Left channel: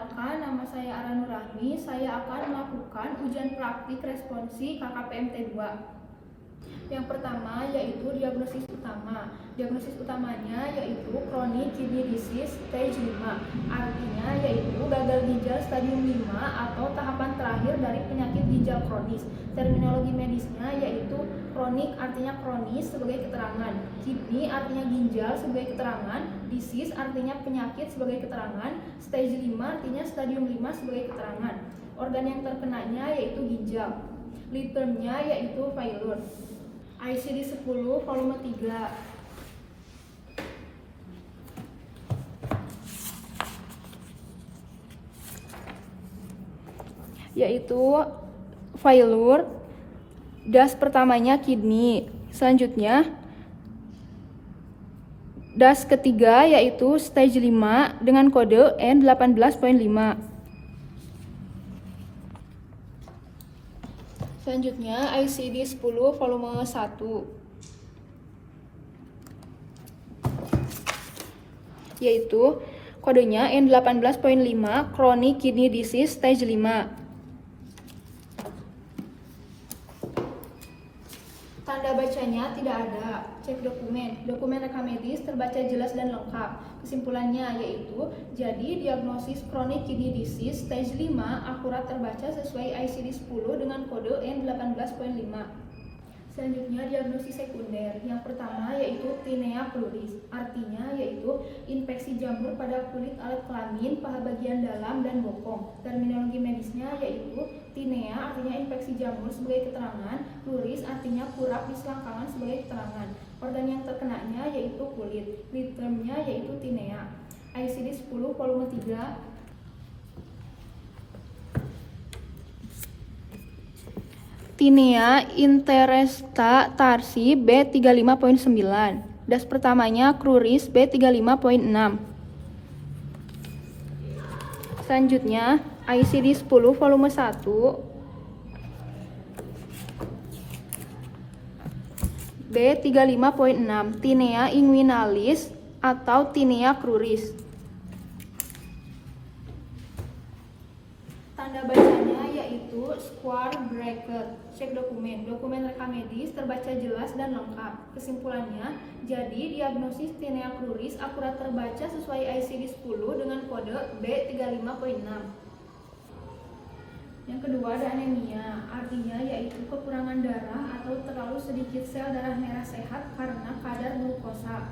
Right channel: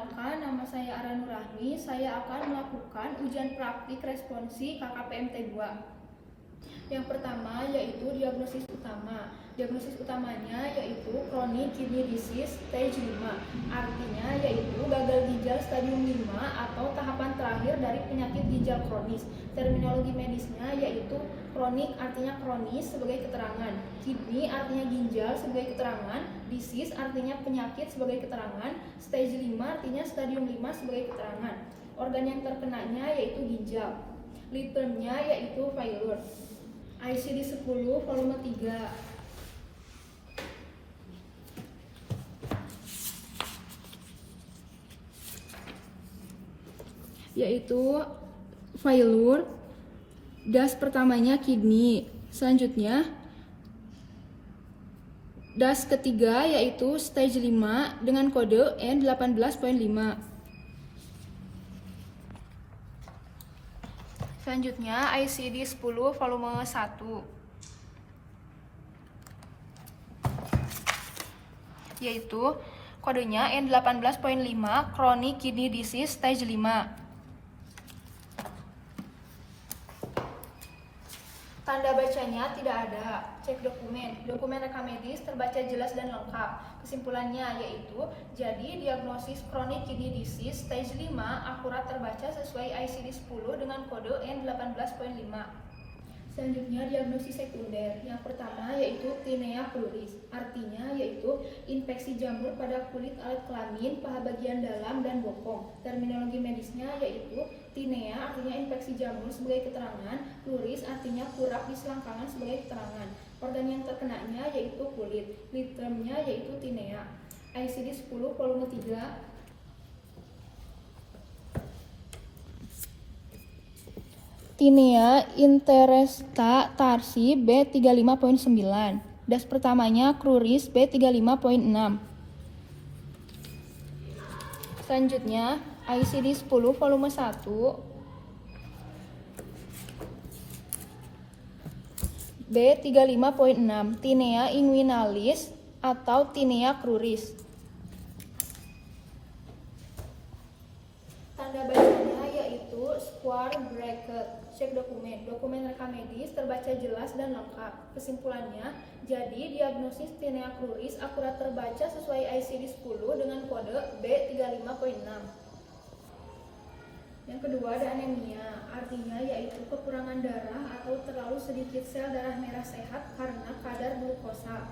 Perkenalkan, nama saya Ara Nurahmi. Saya akan melakukan ujian praktik responsi KKPMT 2. Yang pertama yaitu diagnosis utama. Diagnosis utamanya yaitu chronic kidney disease stage 5. Artinya yaitu gagal ginjal stadium 5 atau tahapan terakhir dari penyakit ginjal kronis. Terminologi medisnya yaitu chronic artinya kronis sebagai keterangan, kidney artinya ginjal sebagai keterangan, disease artinya penyakit sebagai keterangan, stage 5 artinya stadium 5 sebagai keterangan. Organ yang terkenanya yaitu ginjal. Lead termnya yaitu failure. ICD-10 volume 3. Yaitu failure. Das pertamanya kidney. Selanjutnya das ketiga yaitu stage 5 dengan kode N18.5. Selanjutnya ICD-10 volume 1. Yaitu kodenya N18.5 chronic kidney disease stage 5. Tanda bacanya tidak ada. Cek dokumen. Dokumen rekam medis terbaca jelas dan lengkap. Kesimpulannya yaitu, jadi diagnosis chronic kidney disease stage 5 akurat terbaca sesuai ICD-10 dengan kode N18.5. Selanjutnya diagnosis sekunder. Yang pertama yaitu tinea pluris. Artinya yaitu infeksi jamur pada kulit alat kelamin, paha bagian dalam, dan bokong. Terminologi medisnya yaitu tinea artinya infeksi jamur sebagai keterangan, pluris artinya kurap di selangkangan sebagai keterangan. Organ yang terkenanya yaitu kulit. Lead termnya yaitu tinea. ICD-10 volume 3. Tinea interesta tarsi B35.9. Das pertamanya cruris B35.6. Selanjutnya ICD-10 volume 1. B35.6 Tinea inguinalis atau Tinea cruris. Tanda bacanya yaitu square bracket. Cek dokumen. Dokumen rekam medis terbaca jelas dan lengkap. Kesimpulannya, jadi diagnosis Tinea cruris akurat terbaca sesuai ICD-10 dengan kode B35.6. Yang kedua ada anemia, artinya yaitu kekurangan darah atau terlalu sedikit sel darah merah sehat karena kadar glukosa.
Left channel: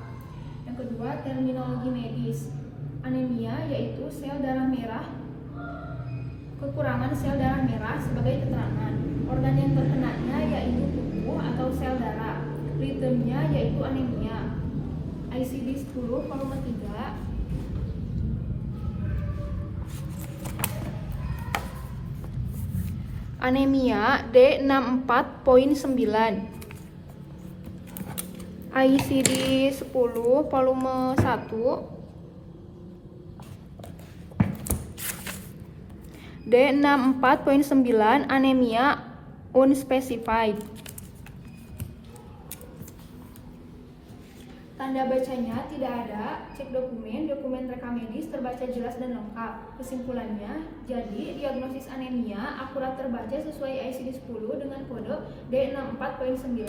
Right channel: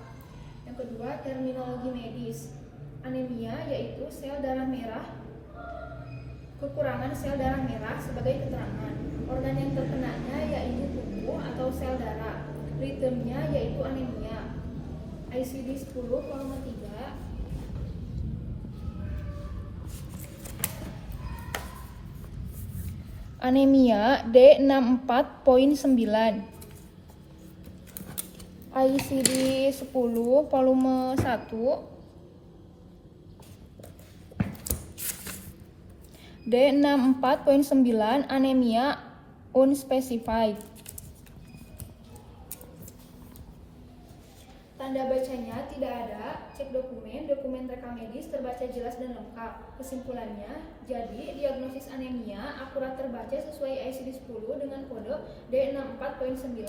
Yang kedua terminologi medis, anemia yaitu sel darah merah, kekurangan sel darah merah sebagai keterangan. Organ yang terkenanya yaitu tubuh atau sel darah. Ritmenya yaitu anemia. ICD-10 volume 3. Anemia D64.9. ICD-10 volume 1. D64.9 anemia unspecified. Tanda bacanya tidak ada. Cek dokumen. Dokumen rekam medis terbaca jelas dan lengkap. Kesimpulannya, jadi diagnosis anemia akurat terbaca sesuai ICD-10 dengan kode D64.9.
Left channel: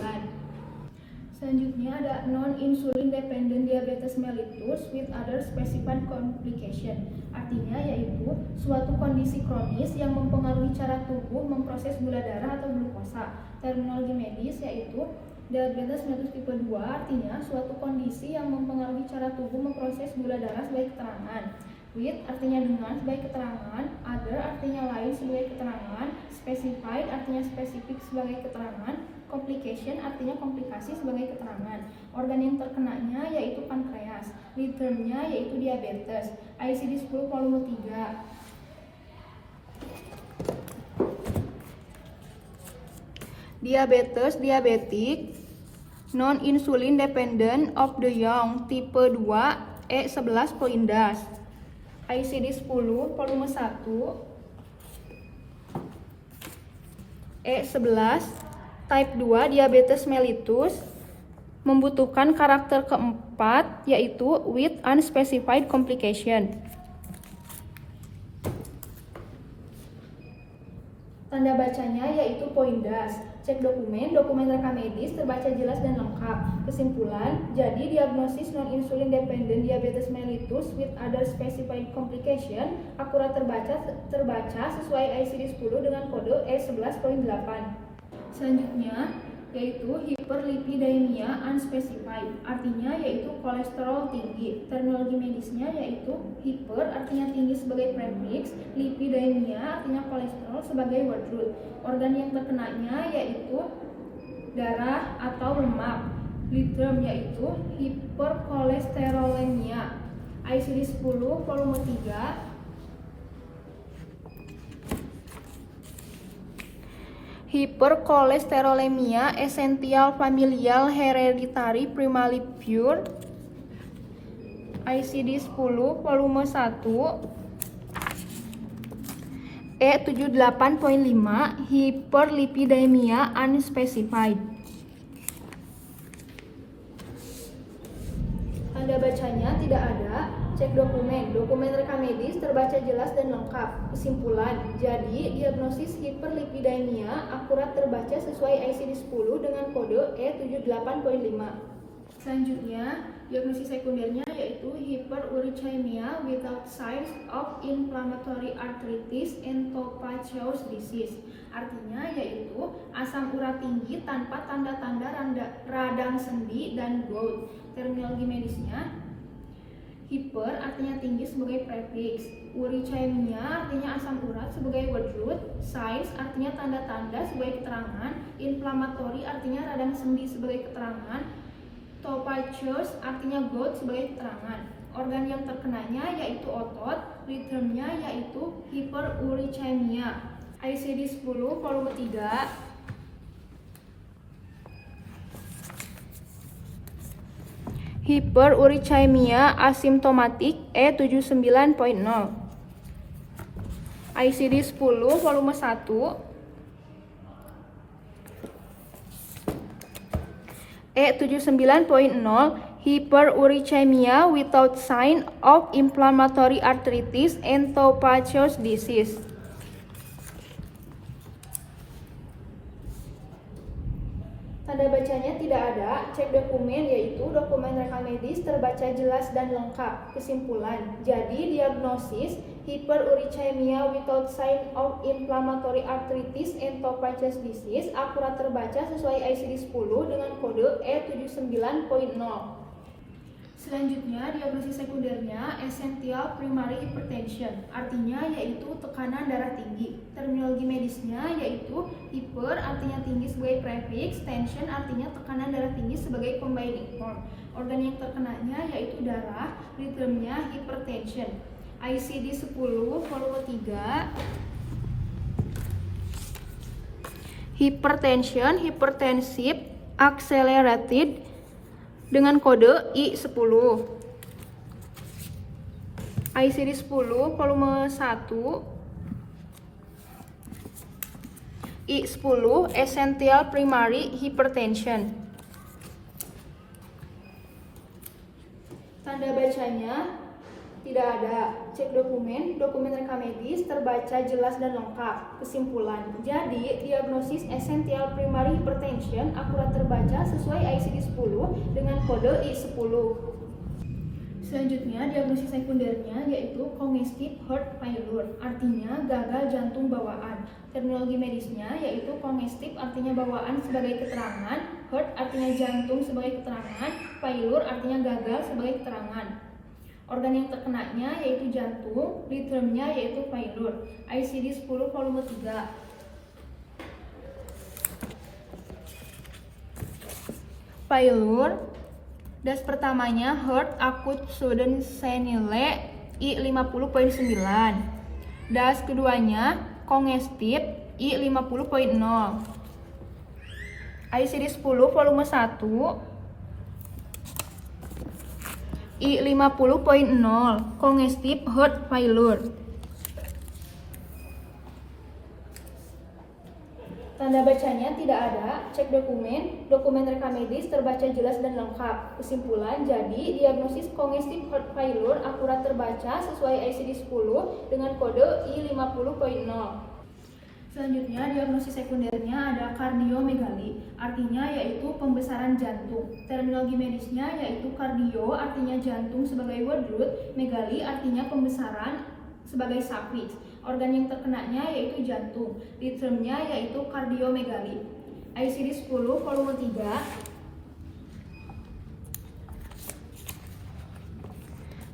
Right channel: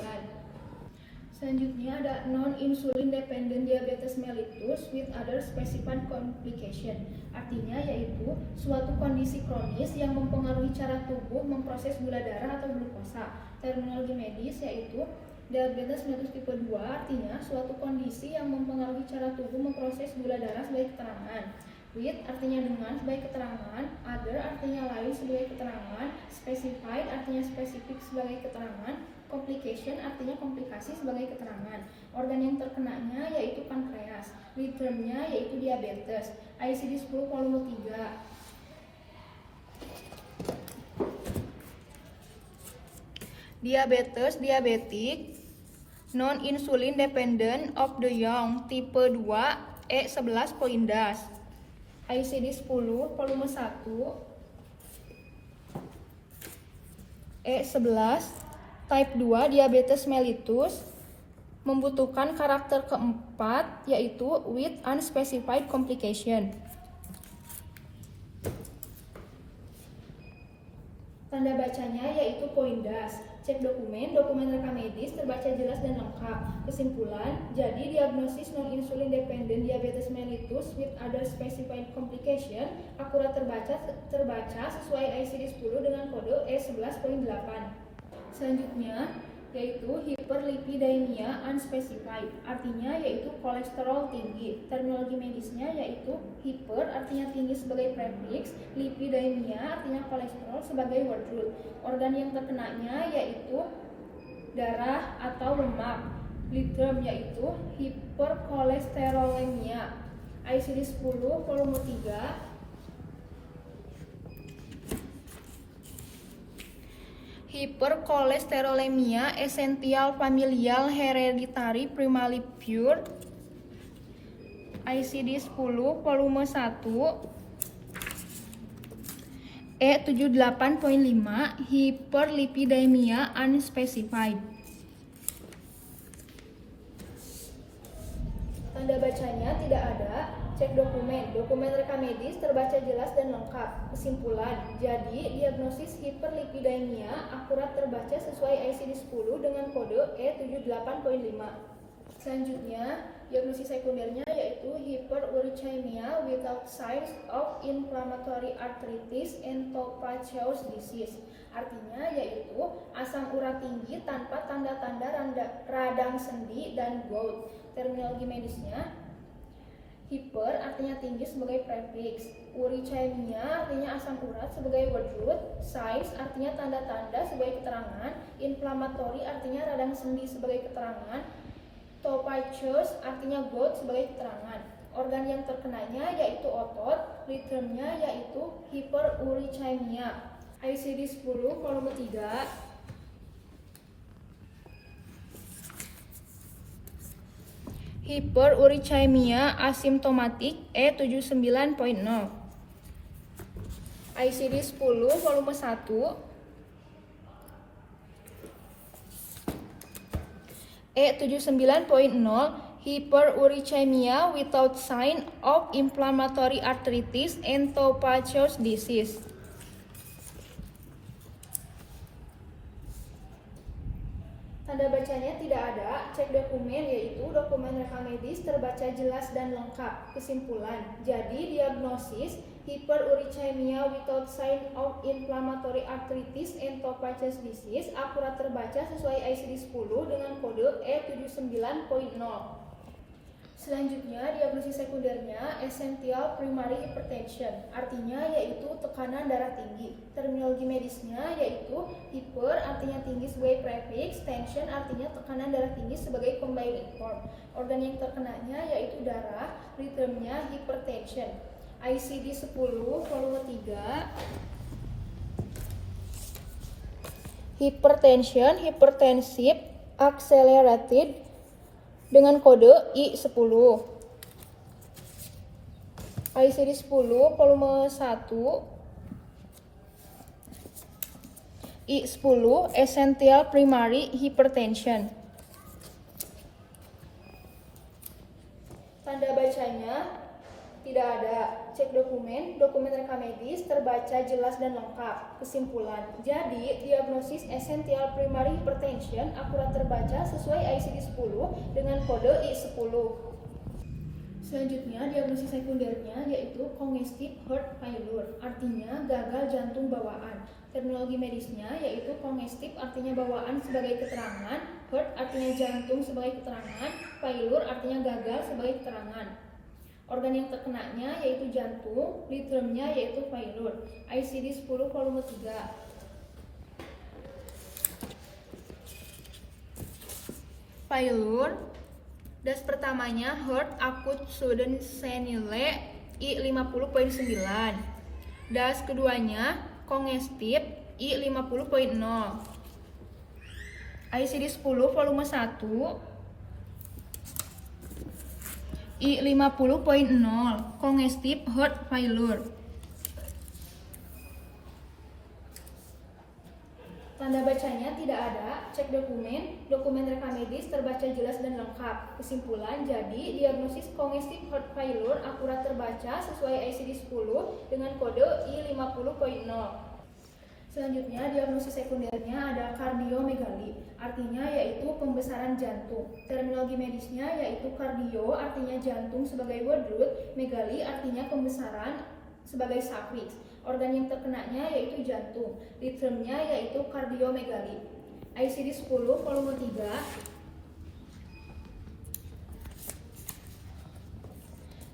Selanjutnya ada non-insulin dependent diabetes mellitus with other specified complication. Artinya yaitu suatu kondisi kronis yang mempengaruhi cara tubuh memproses gula darah atau glukosa. Terminologi medis yaitu diabetes mellitus tipe 2 artinya suatu kondisi yang mempengaruhi cara tubuh memproses gula darah sebagai keterangan. With artinya dengan sebagai keterangan, other artinya lain sebagai keterangan, specified artinya spesifik sebagai keterangan, complication artinya komplikasi sebagai keterangan. Organ yang terkenanya yaitu pankreas. Lead termnya yaitu diabetes. ICD-10 volume 3. Diabetes, diabetik, non-insulin dependent of the young, tipe 2, E11 poindas. ICD-10 volume 1. E11 type 2 diabetes mellitus membutuhkan karakter keempat yaitu with unspecified complication. Tanda bacanya yaitu poin das. Cek dokumen, dokumen rekam medis terbaca jelas dan lengkap. Kesimpulan, jadi diagnosis non-insulin dependent diabetes mellitus with other specified complication akurat terbaca sesuai ICD-10 dengan kode E11.8. Selanjutnya yaitu hyperlipidemia unspecified, artinya yaitu kolesterol tinggi. Terminologi medisnya yaitu hyper artinya tinggi sebagai prefix, lipidemia artinya kolesterol sebagai word root. Organ yang terkenanya yaitu darah atau lemak. Litrum yaitu hiperkolesterolemia. ICD-10 volume 3. Hyperkolesterolemia essential familial hereditary primarily pure. ICD-10 volume 1. E78.5 hyperlipidemia unspecified. Tanda bacanya tidak ada. Cek dokumen, dokumen rekam medis terbaca jelas dan lengkap. Kesimpulan, jadi diagnosis hiperlipidemia akurat terbaca sesuai ICD-10 dengan kode E78.5. Selanjutnya, diagnosis sekundernya yaitu hyperuricemia without signs of inflammatory arthritis and Topper-Chaos disease. Artinya yaitu asam urat tinggi tanpa tanda-tanda radang sendi dan gout. Terminologi medisnya, hyper artinya tinggi sebagai prefix, uricemia artinya asam urat sebagai word root, signs artinya tanda-tanda sebagai keterangan, inflammatory artinya radang sendi sebagai keterangan, Topper-Chaos artinya gout sebagai keterangan. Organ yang terkenanya yaitu otot, litrumnya yaitu hyperuricemia. ICD-10 volume 3. Hyperuricemia asimptomatik E79.0. ICD-10 volume 1. E79.0 hyperuricemia without sign of inflammatory arthritis and Topper-Chaos disease. Tanda bacanya tidak ada. Cek dokumen yaitu dokumen rekam medis terbaca jelas dan lengkap. Kesimpulan, jadi diagnosis hyperuricemia without sign of inflammatory arthritis and Topper-Chaos disease akurat terbaca sesuai ICD-10 dengan kode E79.0. Selanjutnya, diagnosis sekundernya essential primary hypertension, artinya yaitu tekanan darah tinggi. Terminologi medisnya yaitu hyper artinya tinggi sebagai prefix, tension artinya tekanan darah tinggi sebagai combining form. Organ yang terkenanya yaitu darah, litrumnya hypertension. ICD-10 volume 3. Hypertension, hypertensive, accelerated dengan kode I10. ICD-10 volume 1. I10 essential primary hypertension. Tanda bacanya tidak ada. Cek dokumen, dokumen rekam medis terbaca jelas dan lengkap. Kesimpulan, jadi diagnosis essential primary hypertension akurat terbaca sesuai ICD-10 dengan kode I10. Selanjutnya, diagnosis sekundernya yaitu congestive heart failure, artinya gagal jantung bawaan. Terminologi medisnya yaitu congestive artinya bawaan sebagai keterangan, heart artinya jantung sebagai keterangan, failure artinya gagal sebagai keterangan. Organ yang terkenanya yaitu jantung, litrumnya yaitu failure. ICD-10 volume 3. Failure, das pertamanya heart acute sudden senile I50.9. Das keduanya congestive I50.0. ICD-10 volume 1. I50.0 congestive heart failure. Tanda bacanya tidak ada. Cek dokumen, dokumen rekam medis terbaca jelas dan lengkap. Kesimpulan, jadi diagnosis congestive heart failure akurat terbaca sesuai ICD-10 dengan kode I50.0. Selanjutnya, diagnosis sekundernya ada kardiomegali, artinya yaitu pembesaran jantung. Terminologi medisnya yaitu kardio, artinya jantung sebagai word root, megali artinya pembesaran sebagai suffix. Organ yang terkenanya yaitu jantung. Ritmenya yaitu kardiomegali. ICD 10 volume 3.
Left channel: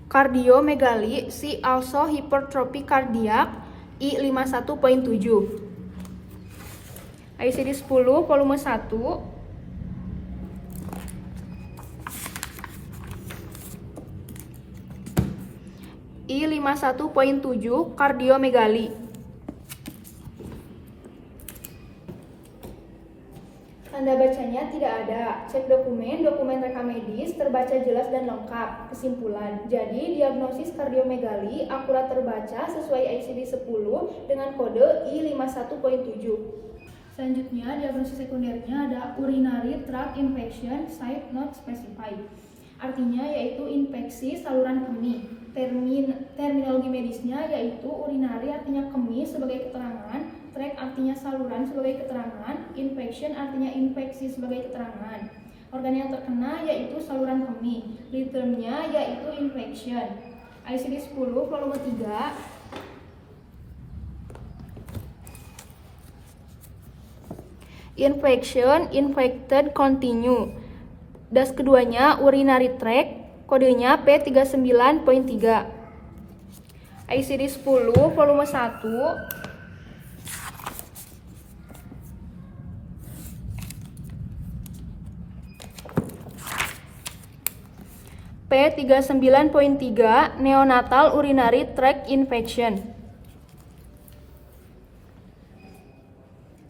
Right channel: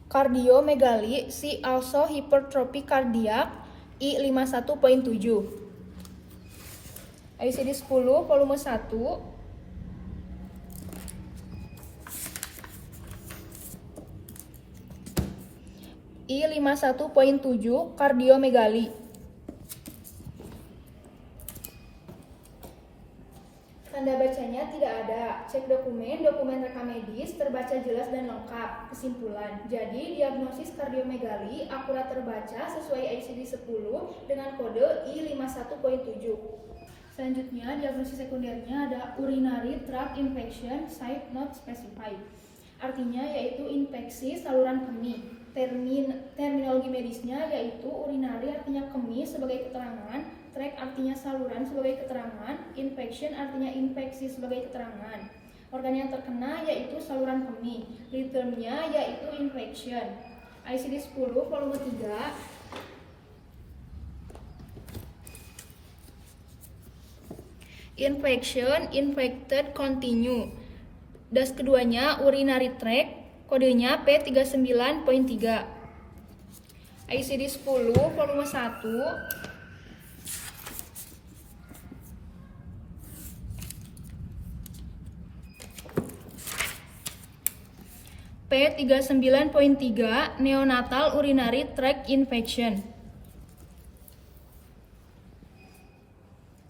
Kardiomegali, see also hypertrophy cardiac, I51.7. ICD 10 volume 1. I51.7 kardiomegali. Tanda bacanya tidak ada. Cek dokumen rekam medis terbaca jelas dan lengkap. Kesimpulan, jadi diagnosis kardiomegali akurat terbaca sesuai ICD 10 dengan kode I51.7. Selanjutnya, diagnosis sekundernya ada urinary tract infection site not specified. Artinya yaitu infeksi saluran kemih. Terminologi medisnya yaitu urinary artinya kemih sebagai keterangan, tract artinya saluran sebagai keterangan, infection artinya infeksi sebagai keterangan. Organ yang terkena yaitu saluran kemih. Ritmenya yaitu infection. ICD 10 volume 3. Infection, infected, continue. Das keduanya urinary tract, kodenya P39.3. ICD 10 volume 1. P39.3 neonatal urinary tract infection.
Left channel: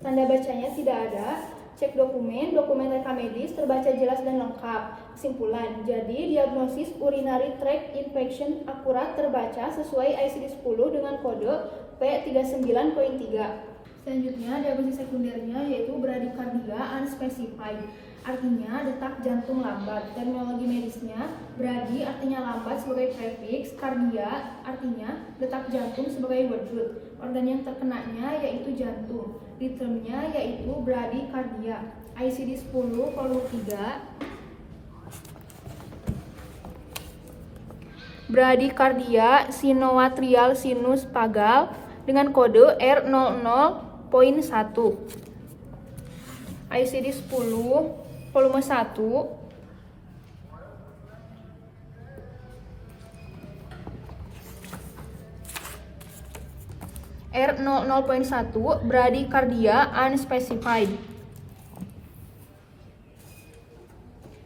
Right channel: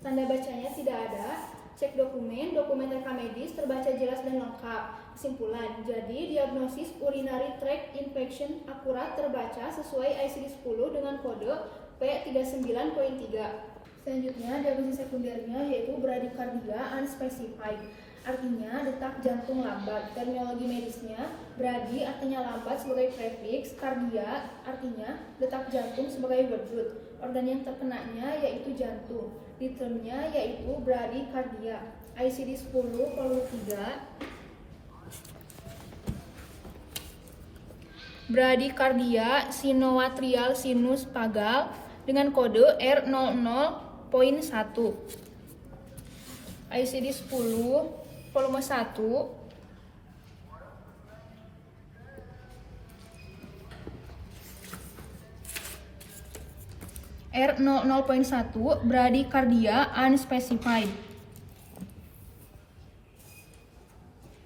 Tanda bacanya tidak ada. Cek dokumen rekam medis terbaca jelas dan lengkap. Kesimpulan, jadi diagnosis urinary tract infection akurat terbaca sesuai ICD 10 dengan kode P39.3. Selanjutnya, diagnosis sekundernya yaitu bradycardia unspecified. Artinya detak jantung lambat. Terminologi medisnya, brady artinya lambat sebagai prefix, kardia artinya detak jantung sebagai word root. Organ yang terkenanya yaitu jantung. Ritmenya yaitu bradycardia. ICD 10 volume 3. Bradycardia sinoatrial sinus pagal dengan kode R00.1. ICD 10 volume 1. R00.1 bradycardia unspecified.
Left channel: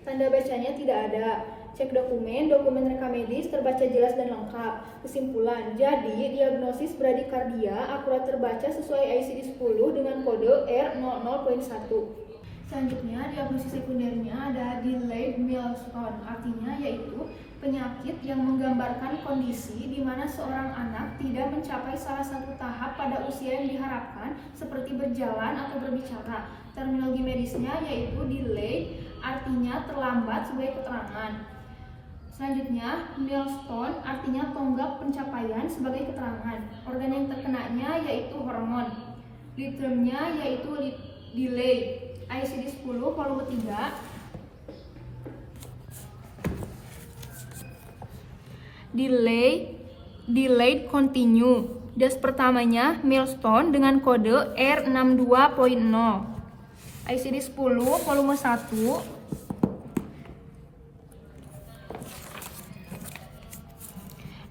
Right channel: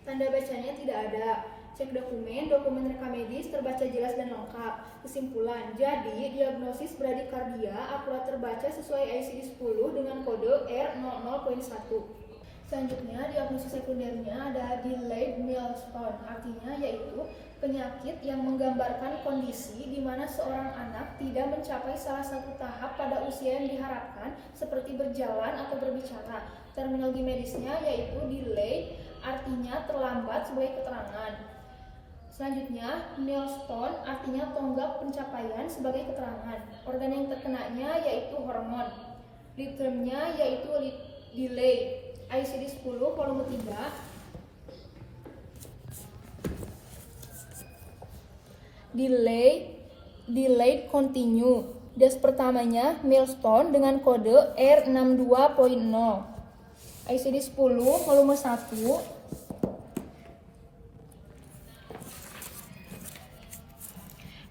Tanda bacanya tidak ada. Cek dokumen rekam medis terbaca jelas dan lengkap. Kesimpulan, jadi diagnosis bradycardia akurat terbaca sesuai ICD 10 dengan kode R00.1. Selanjutnya, diagnosis sekundernya ada delayed milestone, artinya yaitu penyakit yang menggambarkan kondisi di mana seorang anak tidak mencapai salah satu tahap pada usia yang diharapkan, seperti berjalan atau berbicara. Terminologi medisnya yaitu delayed, artinya terlambat sebagai keterangan. Selanjutnya, milestone artinya tonggak pencapaian sebagai keterangan. Organ yang terkenanya yaitu hormon. Ritmenya yaitu delay. ICD 10 volume 3. Delayed continue. Das pertamanya milestone dengan kode R62.0. ICD 10 volume 1.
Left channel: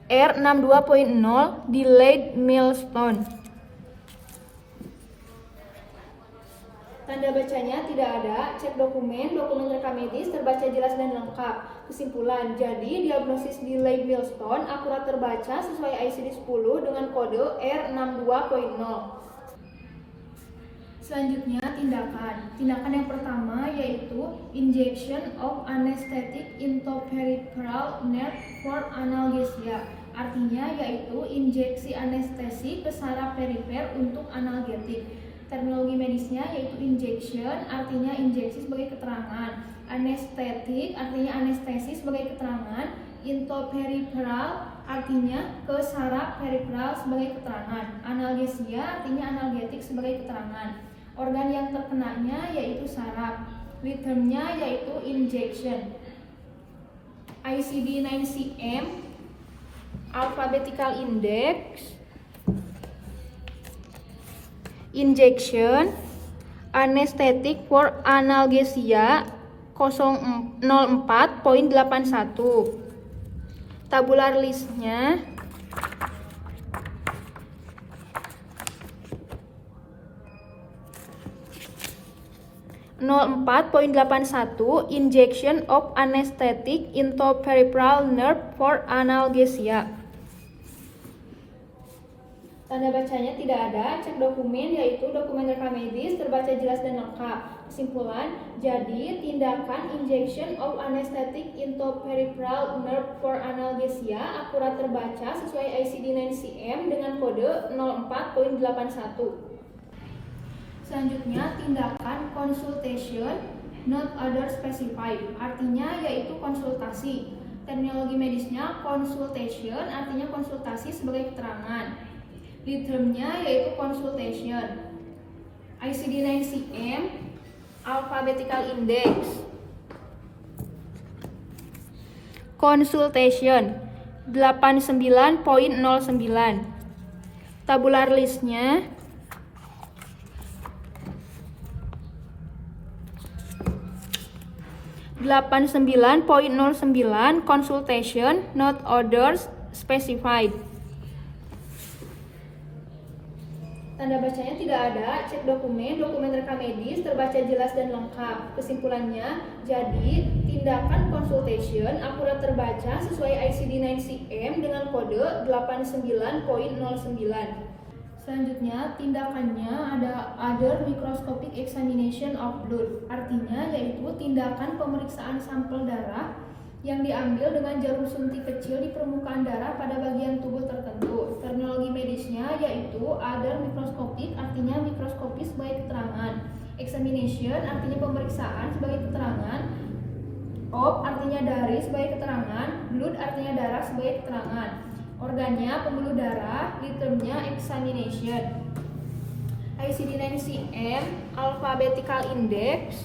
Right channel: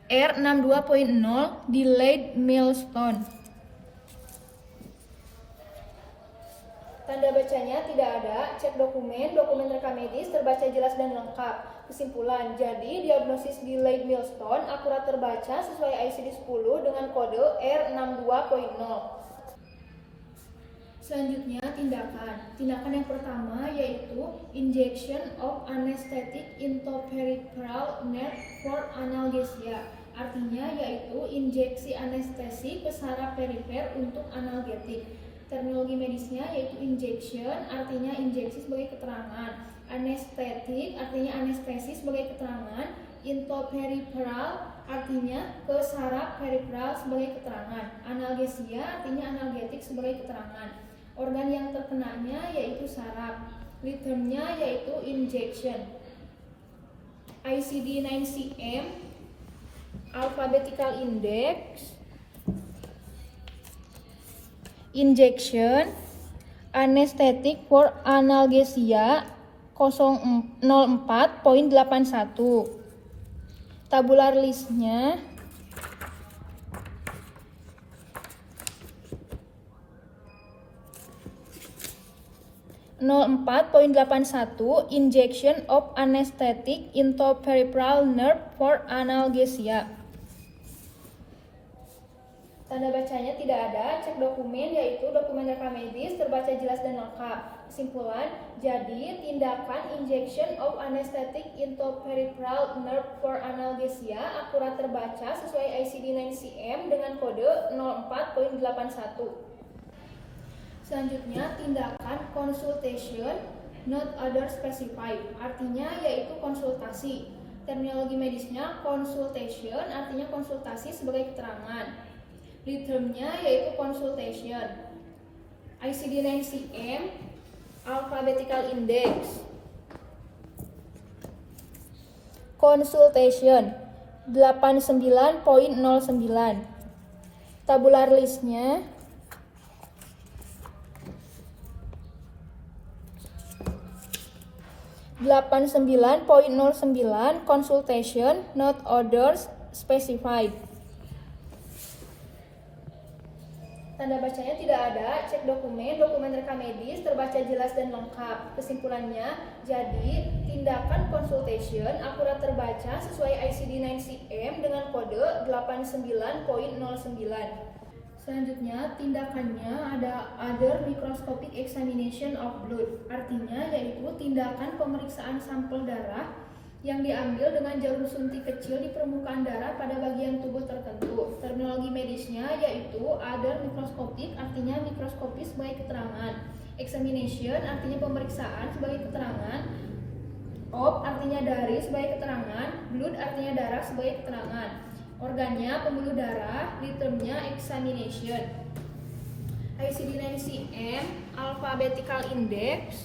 R62.0 delayed milestone. Tanda bacanya tidak ada. Cek dokumen rekam medis terbaca jelas dan lengkap. Kesimpulan, jadi diagnosis delayed milestone akurat terbaca sesuai ICD 10 dengan kode R62.0. Selanjutnya, tindakan yang pertama yaitu injection of anesthetic into peripheral nerve for analgesia. Artinya yaitu injeksi anestesi ke saraf perifer untuk analgetik. Terminologi medisnya yaitu injection artinya injeksi sebagai keterangan, anesthetic artinya anestesi sebagai keterangan, into peripheral artinya ke saraf peripheral sebagai keterangan. Analgesia artinya analgetik sebagai keterangan. Organ yang terkenanya yaitu saraf. Rhythmnya yaitu injection. ICD-9-CM alphabetical index injection anesthetic for analgesia 04.81. Tabular listnya injection of anesthetic into peripheral nerve for analgesia. Tanda bacanya tidak ada. Cek dokumen, yaitu dokumen rekam medis terbaca jelas dan lengkap. Kesimpulan, jadi tindakan injection of anesthetic into peripheral nerve for analgesia akurat terbaca sesuai ICD-9-CM dengan kode 04.81. Selanjutnya, tindakan consultation not other specified, artinya yaitu konsultasi. Terminologi medisnya consultation artinya konsultasi sebagai keterangan. Rhythmnya yaitu consultation. ICD-9-CM alphabetical index consultation 89.09. Tabular listnya consultation not others specified. Tanda bacanya tidak ada. Cek dokumen, dokumen rekam medis terbaca jelas dan lengkap. Kesimpulannya, jadi tindakan consultation akurat terbaca sesuai ICD-9-CM dengan kode 89.09. Selanjutnya, tindakannya ada other microscopic examination of blood, artinya yaitu tindakan pemeriksaan sampel darah yang diambil dengan jarum suntik kecil di permukaan darah pada bagian tubuh tertentu. Terminologi medisnya yaitu other microscopic artinya mikroskopis sebagai keterangan. Examination artinya pemeriksaan sebagai keterangan. Of artinya dari sebagai keterangan. Blood artinya darah sebagai keterangan. Organnya pembuluh darah, rhythmnya examination. ICD-9-CM alphabetical index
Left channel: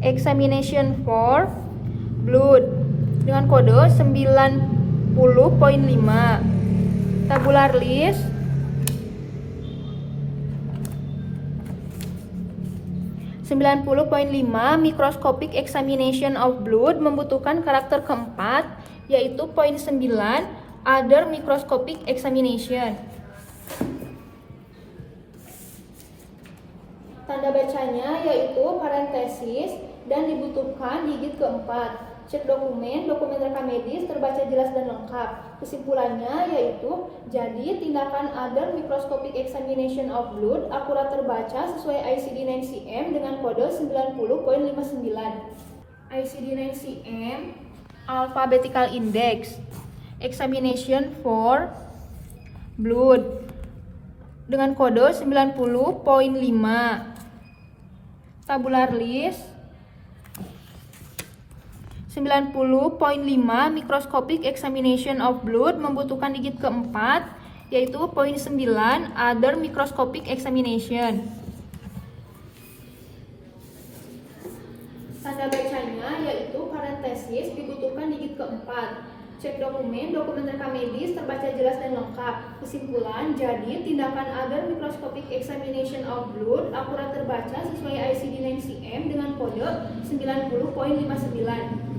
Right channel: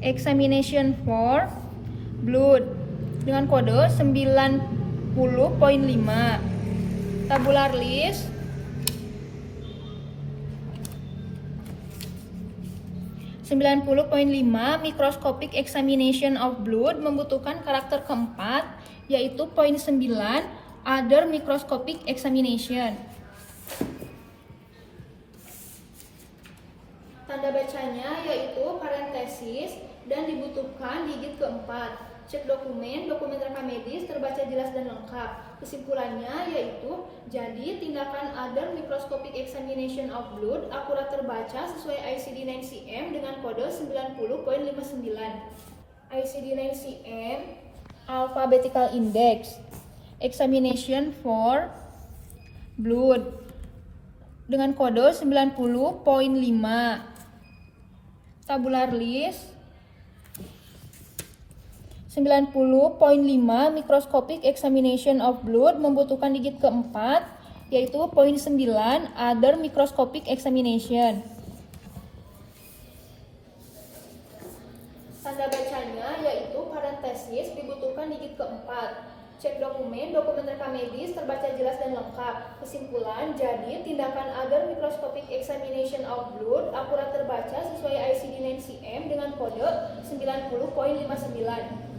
examination for blood dengan kode 90.5. Tabular list microscopic examination of blood membutuhkan karakter keempat yaitu poin 9 other microscopic examination. Tanda bacanya yaitu parentesis dan dibutuhkan digit keempat. Cek dokumen, dokumen rekam medis terbaca jelas dan lengkap. Kesimpulannya yaitu jadi tindakan other microscopic examination of blood akurat terbaca sesuai ICD-9-CM dengan kode 90.59. ICD-9-CM alphabetical index examination for blood dengan kode 90.5. Tabular list 90.5 microscopic examination of blood membutuhkan digit keempat yaitu poin 9 other microscopic examination. Tanda bacanya yaitu parentesis dibutuhkan digit keempat. Cek dokumen, dokumen rekam medis terbaca jelas dan lengkap. Kesimpulan, jadi tindakan other microscopic examination of blood akurat terbaca sesuai ICD-9-CM dengan kode 90.59.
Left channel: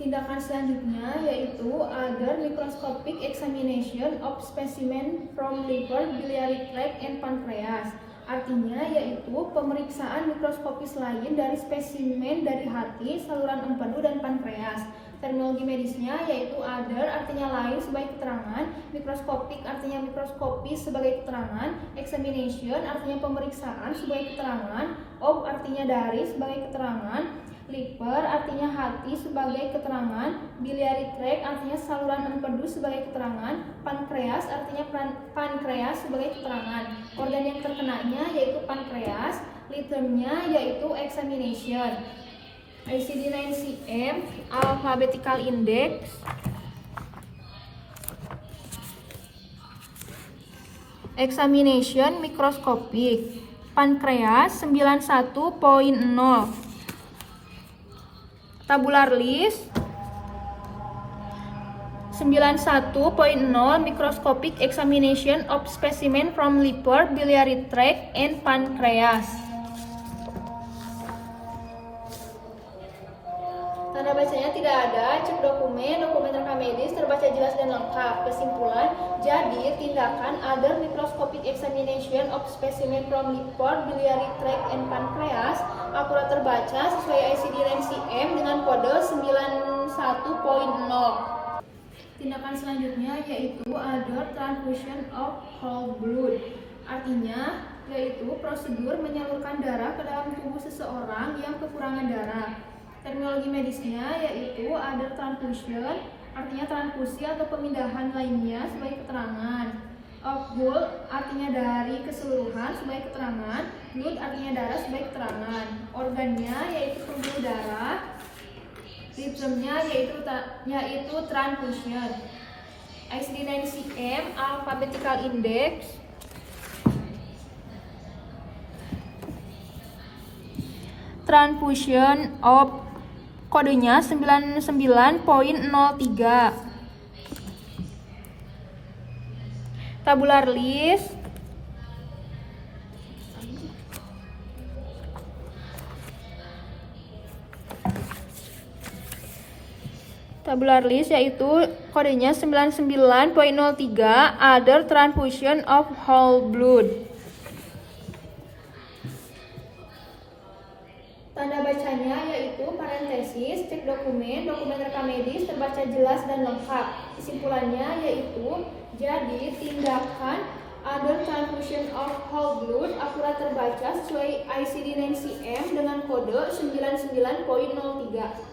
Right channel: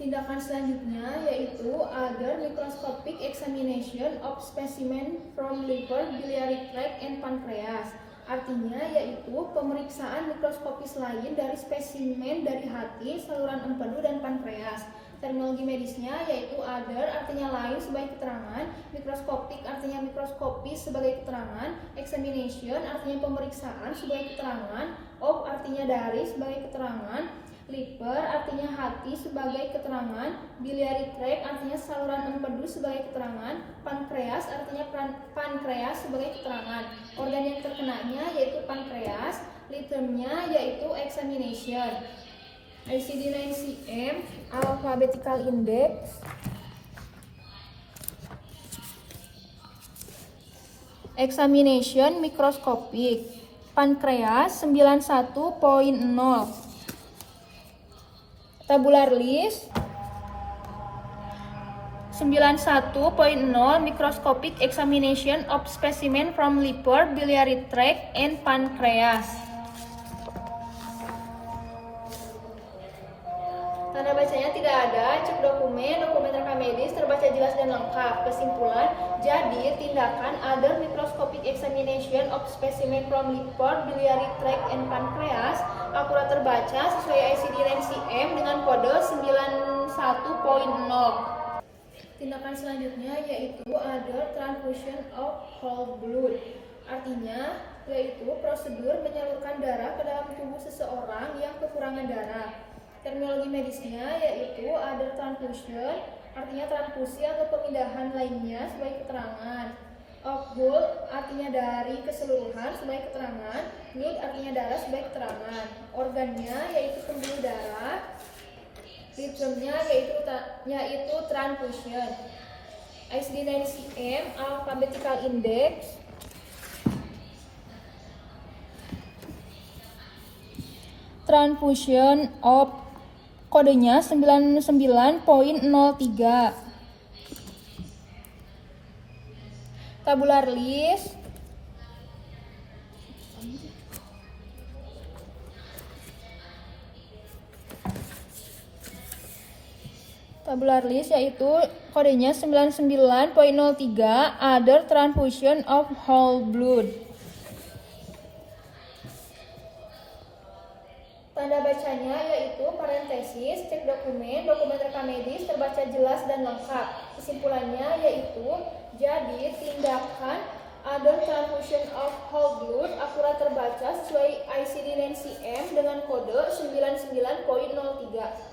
Tindakan selanjutnya yaitu other microscopic examination of specimen from liver, biliary tract, and pancreas. Artinya yaitu pemeriksaan mikroskopis lain dari spesimen dari hati, saluran empedu, dan pankreas. Terminologi medisnya yaitu other artinya lain sebagai keterangan, mikroskopik artinya mikroskopis sebagai keterangan, examination artinya pemeriksaan sebagai keterangan, of artinya dari sebagai keterangan, liver artinya hati sebagai keterangan, biliary tract artinya saluran empedu sebagai keterangan, pankreas artinya pankreas sebagai keterangan. Organ yang terkenanya yaitu pankreas, rhythmnya yaitu examination. ICD-9CM Alphabetical Index, Examination Microscopic, Pankreas 91.0, Tabular List 91.0, Microscopic Examination of Specimen from Liver, Biliary Tract, and Pancreas. Tanda bacanya tidak ada, cek dokumen rekam medis terbaca jelas dan lengkap. Kesimpulan, jadi tindakan other microscopic examination of specimen from liver, biliary tract, and pancreas akurat terbaca sesuai ICD-9CM dengan kode 91.0. Tindakan selanjutnya yaitu other transfusion of whole blood. Artinya yaitu prosedur menyalurkan darah ke dalam tubuh seseorang yang kekurangan darah. Terminologi medisnya yaitu other transfusion, artinya transfusi atau pemindahan lainnya sebagai keterangan. Of whole artinya dari keseluruhan sebagai keterangan. Blood artinya darah sebagai keterangan. Organnya yaitu pembuluh darah. Rhythmnya yaitu transfusion. ICD-9CM Alphabetical Index, transfusion of kodenya 99.03. Tabular list yaitu kodenya 99.03, other transfusion of whole blood. Tanda bacanya yaitu parentesis, cek dokumen rekam medis terbaca jelas dan lengkap. Kesimpulannya yaitu jadi tindakan other transfusion of whole blood akurat terbaca sesuai ICD-9CM dengan kode 99.03.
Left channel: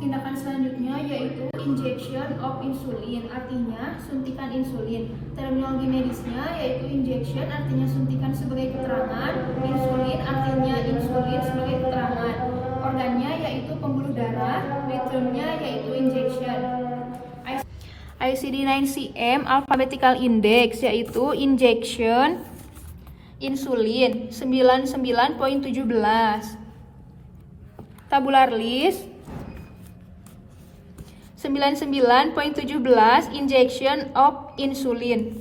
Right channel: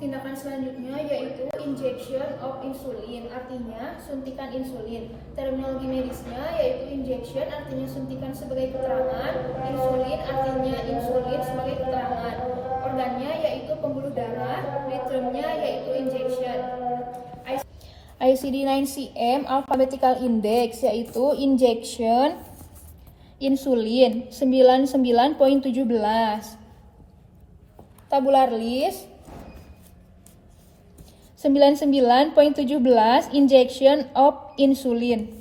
Tindakan selanjutnya yaitu injection of insulin, artinya suntikan insulin. Terminologi medisnya yaitu injection artinya suntikan sebagai keterangan, insulin artinya insulin sebagai keterangan. Organnya yaitu pembuluh darah, rhythmnya yaitu injection. ICD-9CM Alphabetical Index yaitu injection insulin 99.17. Tabular list 99.17, injection of insulin.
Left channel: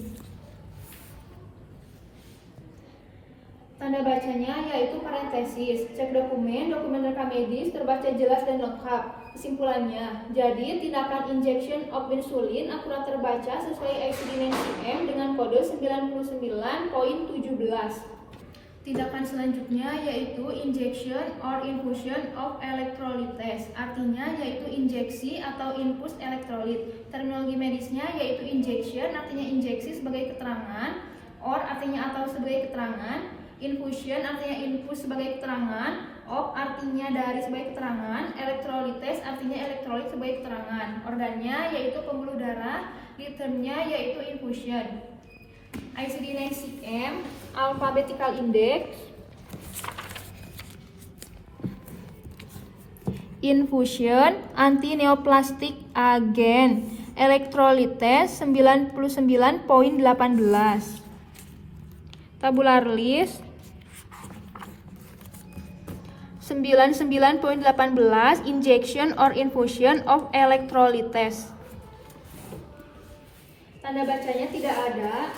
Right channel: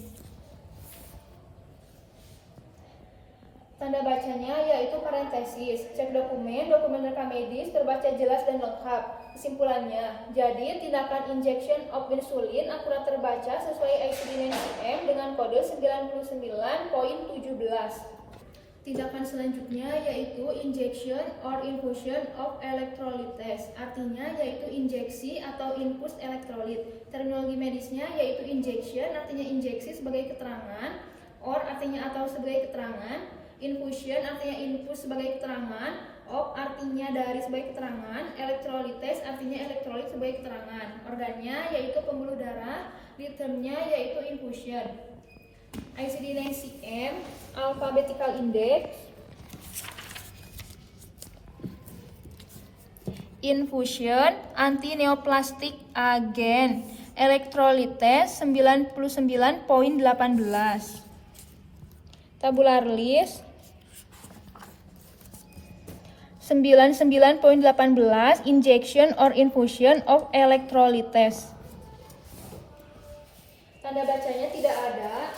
Tanda bacanya yaitu parentesis, cek dokumen rekam medis terbaca jelas dan lengkap. Kesimpulannya, jadi tindakan injection of insulin akurat terbaca sesuai ICD-9CM dengan kode 99.17. Tindakan selanjutnya yaitu injection or infusion of electrolytes, artinya yaitu injeksi atau infus elektrolit. Terminologi medisnya yaitu injection artinya injeksi sebagai keterangan, or artinya atau sebagai keterangan, infusion artinya infus sebagai keterangan, of artinya dari sebagai keterangan, electrolytes artinya elektrolit sebagai keterangan. Organnya yaitu pembuluh darah, rhythmnya yaitu infusion. ICD-9CM Alphabetical Index, infusion anti-neoplastic agent, electrolytes 99.18. Tabular list 99.18, injection or infusion of electrolytes. Tanda bacanya tidak ada.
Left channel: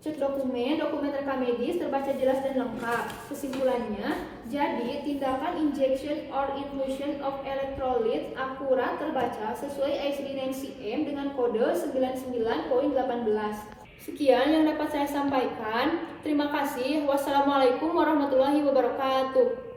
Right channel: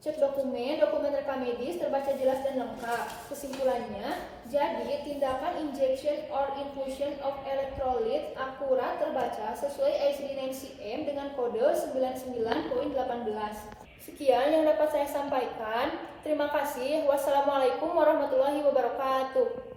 Cek dokumen rekam medis terbaca jelas dan lengkap. Kesimpulannya, jadi tindakan injection or infusion of electrolyte akurat terbaca sesuai ICD-9CM dengan kode 99.18. Sekian yang dapat saya sampaikan. Terima kasih. Wassalamualaikum warahmatullahi wabarakatuh.